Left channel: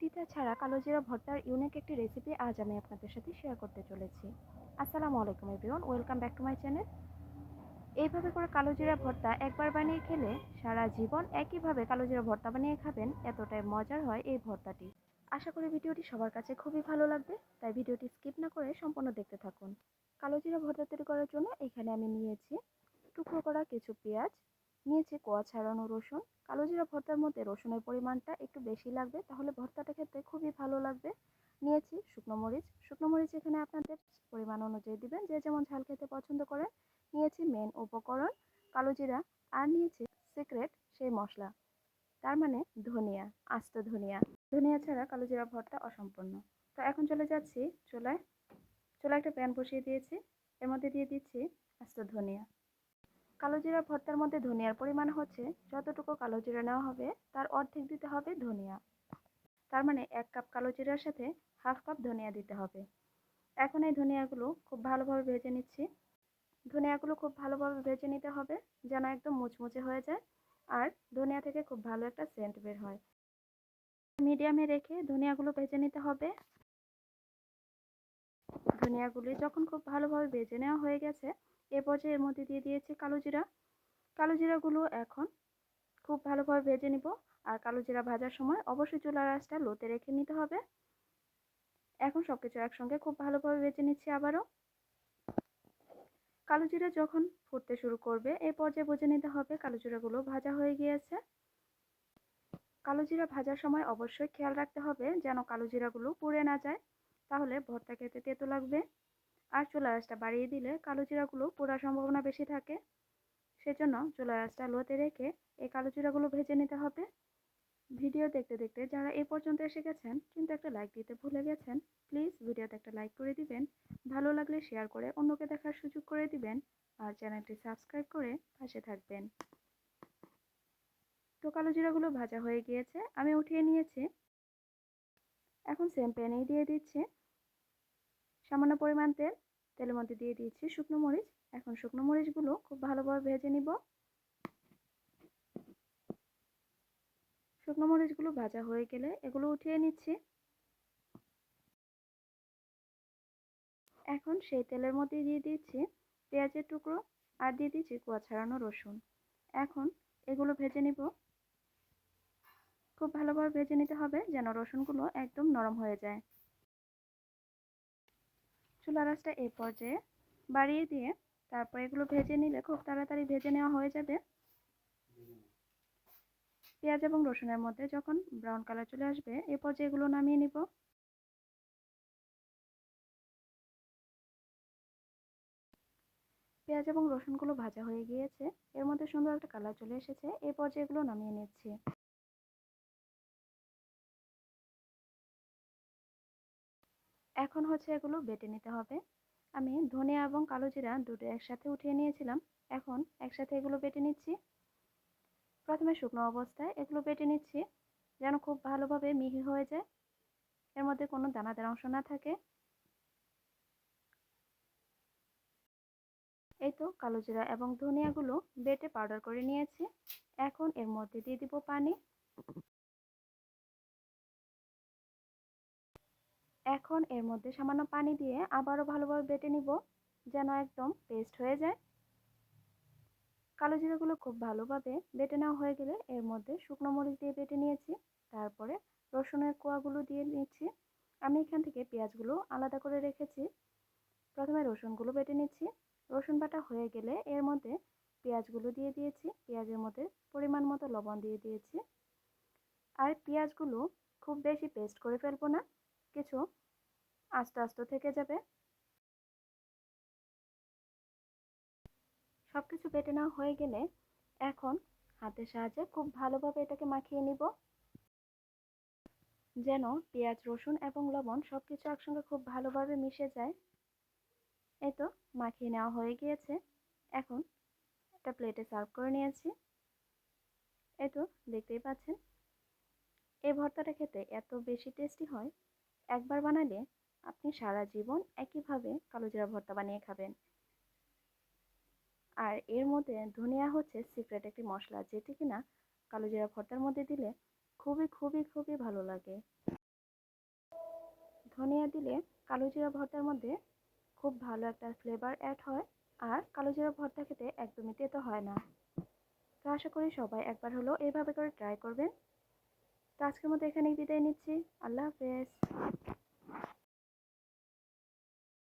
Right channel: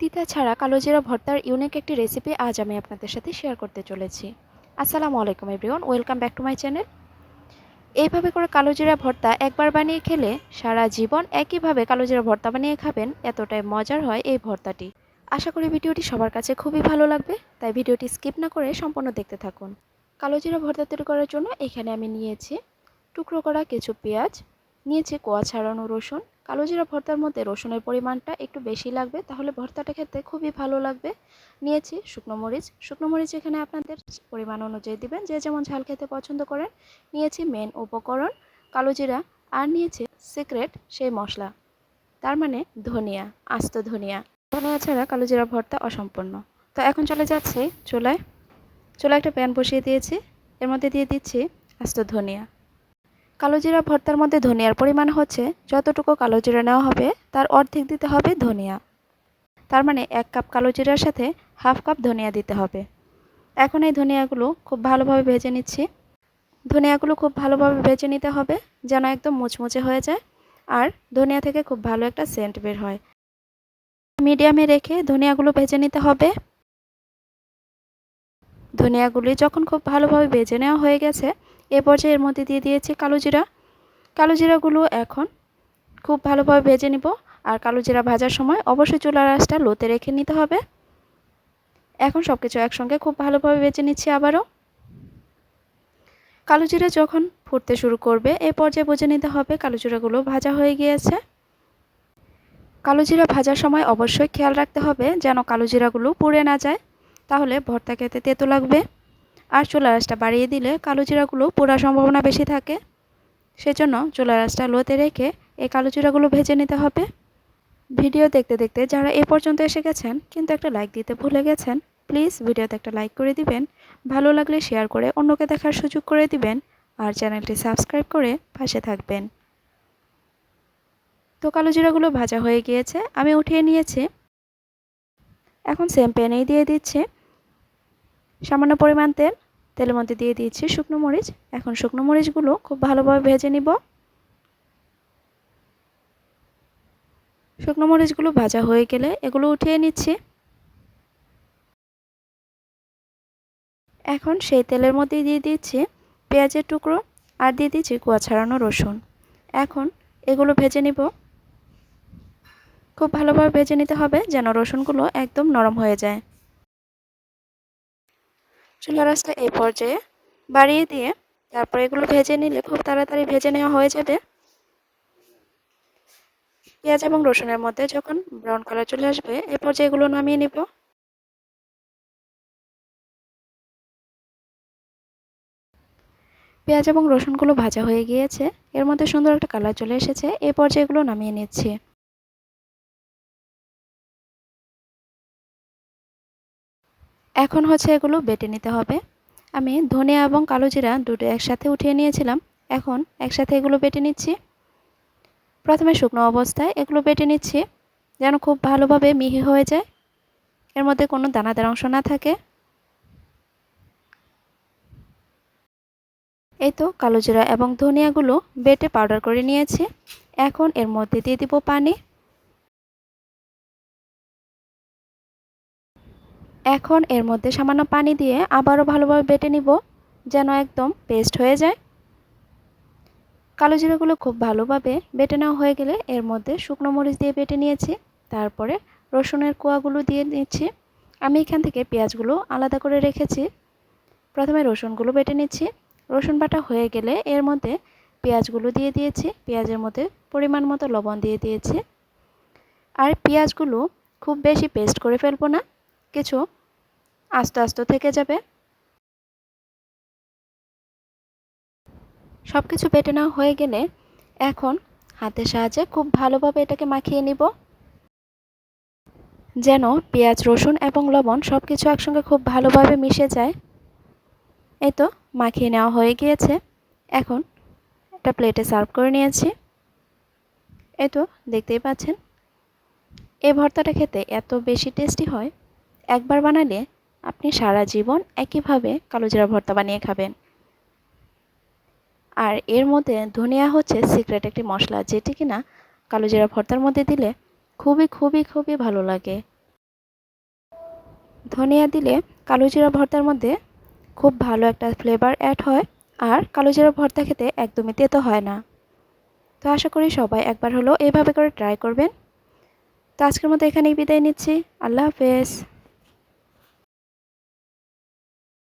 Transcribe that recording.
তিতা ছাড়া কালোজিরা ভর্তার ইউনিক একটি রেসিপি আজ আমি আপনাদের সাথে শেয়ার করতে চলেছি। আসসালামু আলাইকুম everyone welcome back to my channel এইভাবে করে কালোজিরা ভর্তা একবার বানিয়ে খেলে সারা জীবন একইভাবে কালোজিরা ভর্তা বানিয়ে খাবেন, এতটাই মজার হয় এই ভর্তাটি। আশা করি ভিডিওটি সবার কাছে খুবই ভালো লাগবে, তাই ভিডিওটি স্কিপ না করে সম্পূর্ণ দেখতে থাকুন। কালোজিরা ভর্তা তৈরি করার জন্য এখানে আমি নিয়েছি টুকরো করা কিছু পেঁয়াজ নিয়েছি কোয়া ছাড়ানো রসুন। কালো জিরা ভর্তার মধ্যে রসুনের পরিমাণটা একটু বেশি লাগবে, তাহলে ভর্তাটা খেতে খুবই ভালো লাগবে। নিয়েছি শুকনো মরিচ। শুকনো মরিচ এখানে আপনাদের পরিমাণ অনুযায়ী দিবেন, যে যেমন ঝাল খেতে পছন্দ করেন। নিয়েছি মেন উপকরণ কালো জিরা, আর নিয়েছি সিক্রেট সেই মশলা। তার মানে ধনিয়া, আস্ত ধনিয়া। ধনিয়া ছাড়া কালো জিরা ভর্তা অসম্পূর্ণ। তো এখন চলে যাচ্ছে চুলায়। চুলায় একটা প্যান বসিয়ে দিয়েছি। এর মধ্যে দিয়ে দিচ্ছি আস্ত ধনিয়া। কালো জিরা ভর্তার মধ্যে ধনিয়ার পরিমাণ হচ্ছে যতটুকু কালোজিরা নেওয়া হবে, তার অর্ধেক দিতে হবে ধনিয়া। তার মানে এক কাপ কালোজিরার সাথে হাফ কাপ ধনিয়া দিতে হবে। এখন এই ধনিয়াগুলো খুব ভালোভাবে ভেজে নিচ্ছি। ধনিয়াগুলো খুব ভালোভাবে ভেজে নিতে হবে যেন একদম মুচমুচে হয়ে যায় আর ধনিয়া থেকে খুব ভালো একটা সেন্ট বের হয়। মিডিয়ামে রেখে ধনিয়াগুলো ভেজে নিতে হবে। ধনিয়াগুলি যখন খুব ভালোভাবে বেজে নেওয়া হয়ে গেছে, এ পর্যায়ে এর মধ্যে দিয়ে দিয়েছি কালো জিরা। কালো জিরাগুলো এখন খুব ভালোভাবে ভেজে নিব আর কালো জিরা ভাজার সময় অবশ্যই চুলার আঁচটা লোতে রেখে নিতে হবে। এখন সব কিছু একসঙ্গে খুব ভালোভাবে বেজে নিচ্ছি আবারও। কালো জিরা যখন ফুটতে শুরু করবে, এ পর্যায়ে বুঝে নিতে হবে কালো জিরাগুলো ভাজা হয়ে গিয়েছে। কালো জিরা ভাজার সময় অবশ্যই খেয়াল রাখতে হবে যেন কালো জিরাগুলো পুড়ে না যায়। তাহলে ভর্তা খেতে তেতো লাগবে। আর চুলা রাসটা বাড়িয়ে দিলে কালো জিরাগুলো পোড়ার সম্ভাবনা বেশি থাকে। সেজন্য চুলা রাসটা লোতে রেখে এই কালো জিরাগুলো ভেজে নিতে হবে। ভিডিও দেখতে দেখতে যারা এ পর্যন্ত এসে গেছেন, কিন্তু একটা লাইক দিতে ভুলে গেছেন প্লিজ ভিডিওতে একটা লাইক করে দিবেন। ভালো লাগলে শেয়ার করে অন্যকে দেখার সুযোগ করে দিবেন। আর চ্যানেলটি সাবস্ক্রাইব করে পাশে থাকবেন। তো কালো জিরাগুলো ভাজা হয়ে গিয়েছে, আমি উঠিয়ে নিয়েছি। এখন সেম প্যানেই দিয়ে দিচ্ছি। সামান্য পরিমাণ তেল, তেলের মধ্যে দিয়ে দিয়েছি শুকনো মরিচ। এখন শুকনো মরিচগুলো খুব ভালোভাবে ভেজে নিব। শুকনো মরিচগুলো ভাজা হয়ে গেলে এগুলো উঠিয়ে নিচ্ছি। এখন সেই তেলের মধ্যে দিয়ে দিচ্ছি পেঁয়াজের টুকরো আর দিয়ে দিচ্ছি কুয়া ছাড়ানো রসুন। এখন এগুলো ভেজে নিব। খুব ভালোভাবে ভেজে নিতে হবে যেন রসুনগুলো একদম নরম হয়ে যায়। চুলা রাসটা এই পর্যায়ে বাড়িয়ে দিয়ে তারপর এগুলো ভেজে নিলে খুব তাড়াতাড়ি ভেজে নেওয়া হয়ে যাবে। পেঁয়াজ এবং রসুনের মধ্যে যখন ব্রাউন কালার চলে আসবে, এ পর্যায়ে এগুলো নামিয়ে নিব। পেঁয়াজ এবং রসুনগুলো ভাজা হয়ে গিয়েছে, এর মধ্যে সুন্দর একটা কালার চলে এসেছে এই পর্যায়ে এগুলো নামিয়ে নিচ্ছি। এখন হচ্ছে এগুলো বেটে নিতে হবে। আমি ধনিয়া এবং কালো জিরা দুটো একসাথে উঠিয়ে নিয়েছিলাম। এখন একসাথে এগুলো বেটে নিচ্ছি। প্রথমে শুকনো অবস্থায় এগুলো বেটে নিচ্ছি, যেন খুব ভালোভাবে মিহি হয়ে যায়। এর মধ্যে কোনো দানাদার অংশ না থাকে। এই তো কালো জিরা এবং ধনিয়াগুলো বেটে পাউডার করে নিয়েছি। এখন এর মধ্যে দিয়ে দিব পানি। এখন এর মধ্যে সামান্য পানি দিয়ে আবারও ভালোভাবে বেটে নিব, যেন একদম পেস্ট হয়ে যায়। কালো জিরাগুলো খুব ভালোভাবে বেটে নেওয়া হয়ে গেলে এর মধ্যে শুকনো মরিচ দিয়ে বেটে নিয়েছি, তারপরে রসুনের কোয়াগুলো দিয়ে নিচ্ছি। আমি এখান থেকে পেঁয়াজগুলো আলাদা করে রেখেছি। প্রথমে রসুনগুলো বেটে নিচ্ছি। রসুন বাটা হয়ে গেলে এর মধ্যে পেঁয়াজগুলো দিয়ে দিয়েছি। পেঁয়াজের মধ্যে পরিমাণ মতো লবণ দিয়ে দিয়েছি। আর পেঁয়াজগুলো খুব বেশি পেস্ট করে ফেলব না। কিছু আস্তে আস্তে থেকে যাবে। সব কিছু বেটে নেওয়া হয়ে গেলে এখন হাতের সাহায্যে খুব ভালোভাবে এটাকে মাখিয়ে নিব। যেন পেঁয়াজ, রসুন এবং লবণ সব কিছু একসঙ্গে খুব ভালোভাবে মিশে যায়। এই তো মাখিয়ে নেওয়া হয়ে গিয়েছে। এখন একটা প্লেটে সার্ভ করে নিয়েছি। এই তো দেখতেই পাচ্ছেন। এই ভর্তাটা খেতে এত বেশি টেস্টি হয়। একবার বানালে আপনি সারা জীবন একইভাবে কালো জিরা ভর্তা বানিয়ে খাবেন। আর এর মধ্যে ধনিয়া হচ্ছে সিক্রেট একটি মশলা, যেটি কিনা কালো জিরা ভর্তার মধ্যে দিলে খুবই খুবই খুবই ভালো লাগে। ধনিয়া দিলে কালো জিরা ভর্তার মধ্যে খুব ভালো একটা ফ্লেভার অ্যাড হয়, আর কালো জিরা ভর্তা খেতে একদমই তেতো হয় না। তো আশা করি সবাই একবার হলো এভাবে করে ট্রাই করবেন। তো আজকের মতো এখানেই বিদায় নিচ্ছি। আল্লাহ হাফেজ।